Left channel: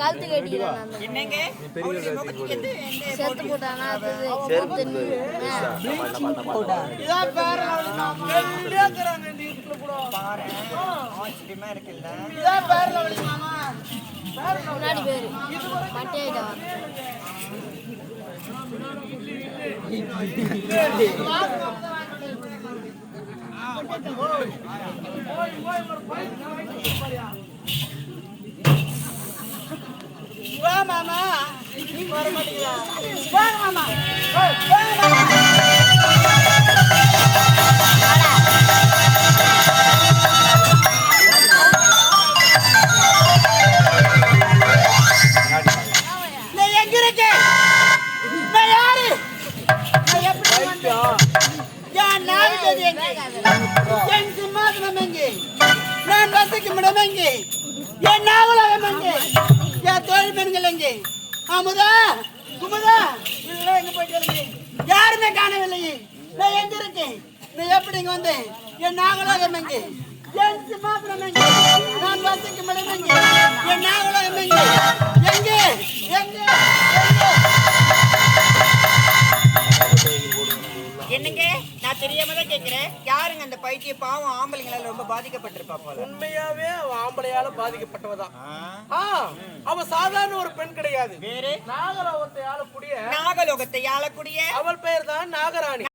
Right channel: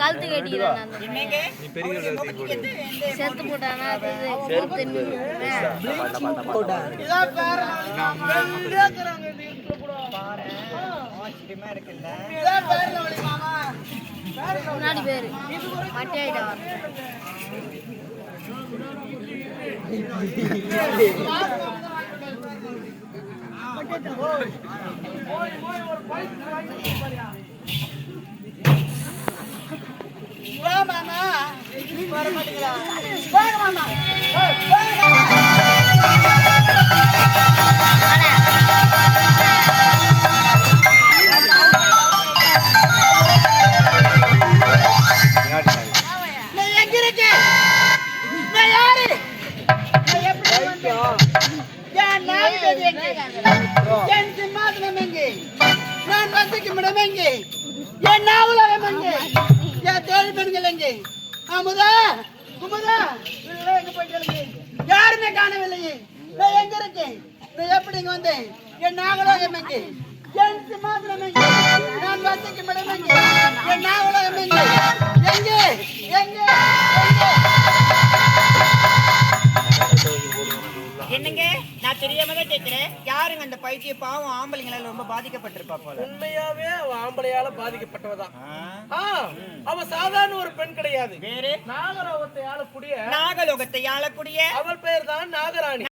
கழுத்து கட்டிக்கிறான் செத்து போட்டானா முன்னாடி பேரு மட்டி ஆயிட்டா மாமா வர மாட்டீங்களா? மாமா நான் எங்க இருக்கேன்? நான் யாரு? என் நாடு எங்கே? என் சிம்மாசனம் எங்கே? நான் வசிக்கும் இடம் எங்கே? என் நாவலம் எங்கே? என் தோழி பெண்கள் எங்கே? அமுதா குமுதா இல்லை எங்க போயிட்டு யாருமே காணவில்லையே. நான் எங்க இருக்கேன்? நான் எப்படி இங்க வந்தேன்? என் நாகலோகம் எங்கே? என் சிம்மாசனம் எங்கே? நான் வசிக்கும் இடம் எங்கே? என் நாகலோகம் எங்கே? எங்கே எங்கே என்னங்க நான் தெரியாம தான் கேக்குறேன். யாருங்க அந்த பைத்திய பாவம் ஆம்பளைங்களால ரொம்ப பாதிக்கப்பட்டிருப்பா போல. உண்மையாவே அவ ஆம்பளையால பாதிக்கப்பட்டவதான். அவ சாதாரண ஒரு பெண் கிடையாது. வேறு நாகலோகத்தை ஆளக்கூடிய அவள் பெயர் தான் நாகராணி.